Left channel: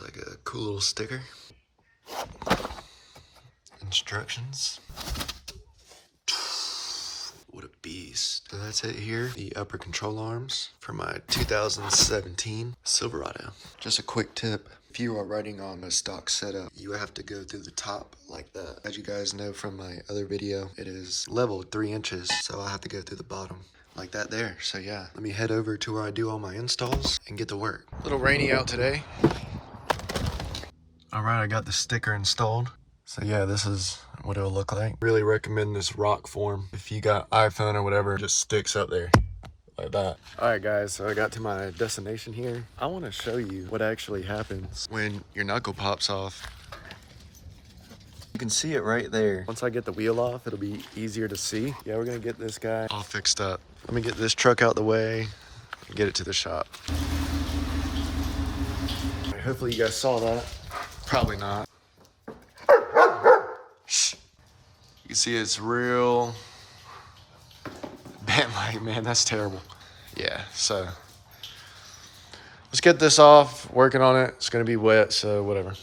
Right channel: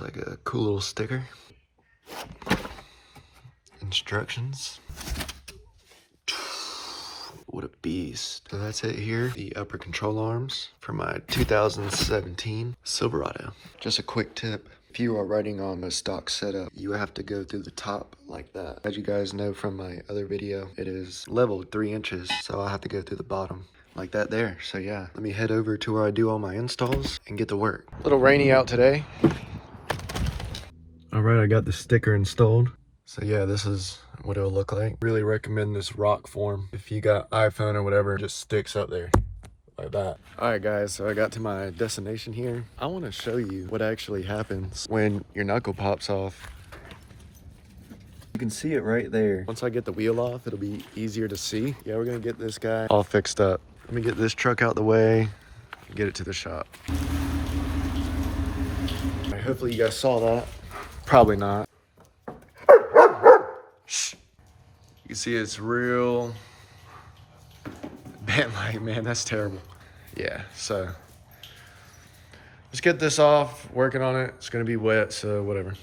Looks like a cool little sticker. Instructions. What a beast. So that's it here. The upper control arms for my 2017 Silverado. Just a quick tip. If you are riding on a stock setup, you have to go through the top like that. As you guys know from my other video, it is leveled 3 inches. So I have to go through the bottom like that there. So yeah, let me head over to where I do all my installs and get to work. A little rainy out today. All right, I got the sticker installed. So yeah, this is what it'll look like. Really recommend this rock form. If you got iPhone or whatever, it just sticks up there like that. All right guys, so I got to my destination here. I want to show you what actually happens when your knuckle pops off. You can see it right there. Once I get the wheel off, it'll be easier to see. Yeah, we're gonna get this guy all fixed up. Let me get this truck out the way and get it to the shop. All right, hopefully you guys saw that. Probably not. Shh. You can see it's real bent-like, man, that's terrible. Yeah, so let's get this off, working on it. It's gonna be wet, so whatever.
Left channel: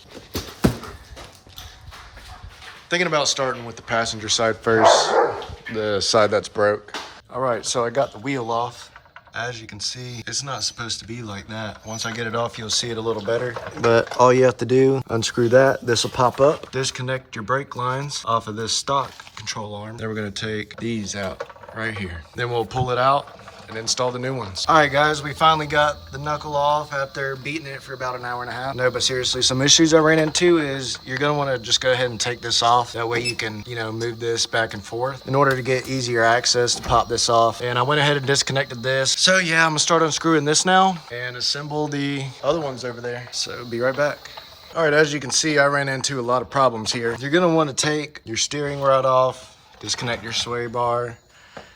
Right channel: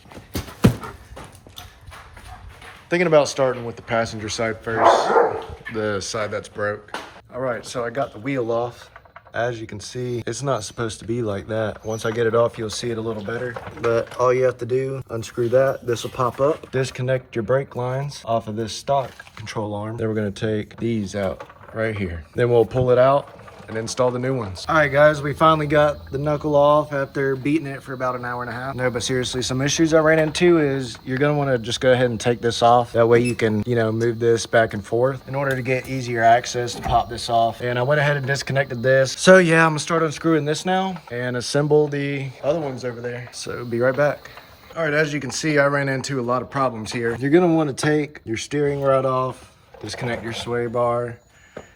Thinking about starting with the passenger side first, the side that's broke. All right, so I got the wheel off. As you can see, it's not supposed to be like that. Once I get it off, you'll see it a little better. But all you have to do, unscrew that, this will pop up. Disconnect your brake lines off of this stock control arm. Then we're gonna take these out right here. Then we'll pull it out and install the new ones. All right guys, we finally got the knuckle off after beating it for about an hour and a half. No, but seriously, some issues I ran into is you're gonna wanna just go ahead and take this off. That way you can, you know, move this back and forth in order to get easier access to pop this off. And I went ahead and disconnected this. So yeah, I'm gonna start unscrewing this now and assemble the other ones over there. So be right back. All right, as you can see, I ran into a lot of problems here. You're gonna wanna take your steering rod off, disconnect your sway bar,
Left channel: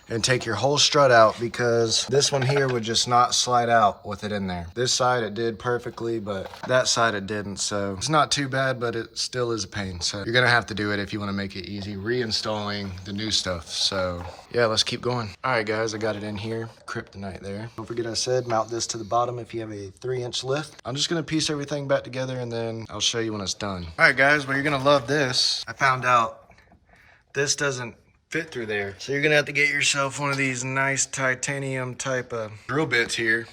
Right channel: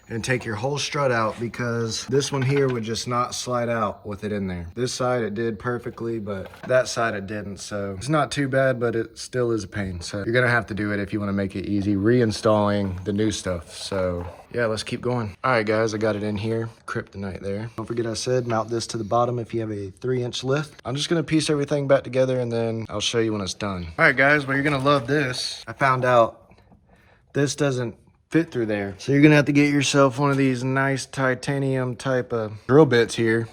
and take your whole strut out because this one here would just not slide out with it in there. This side it did perfectly, but that side it didn't. So it's not too bad, but it still is a pain. So you're gonna have to do it if you wanna make it easy, reinstalling the new stuff. So yeah, let's keep going. All right guys, I got it in here, KRYPTONITE there. Don't forget I said mount this to the bottom if you have a 3-inch lift. I'm just gonna piece everything back together and then I'll show you when it's done. All right guys, well you're gonna love this. I found out this doesn't fit through there. So you're gonna have to get yourself one of these nice titanium type of drill bits here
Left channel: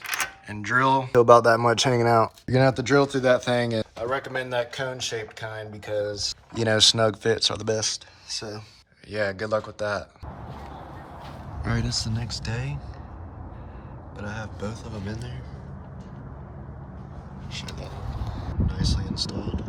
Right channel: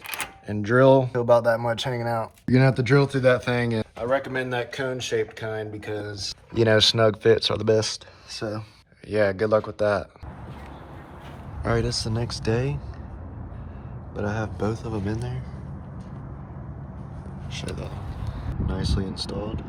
and drill about that much hanging out. You're gonna have to drill through that thing, and I recommend that cone shaped kind because, you know, snug fits are the best. So yeah, good luck with that. All right, it's the next day, but I have both of them in there. Show that nicely installed.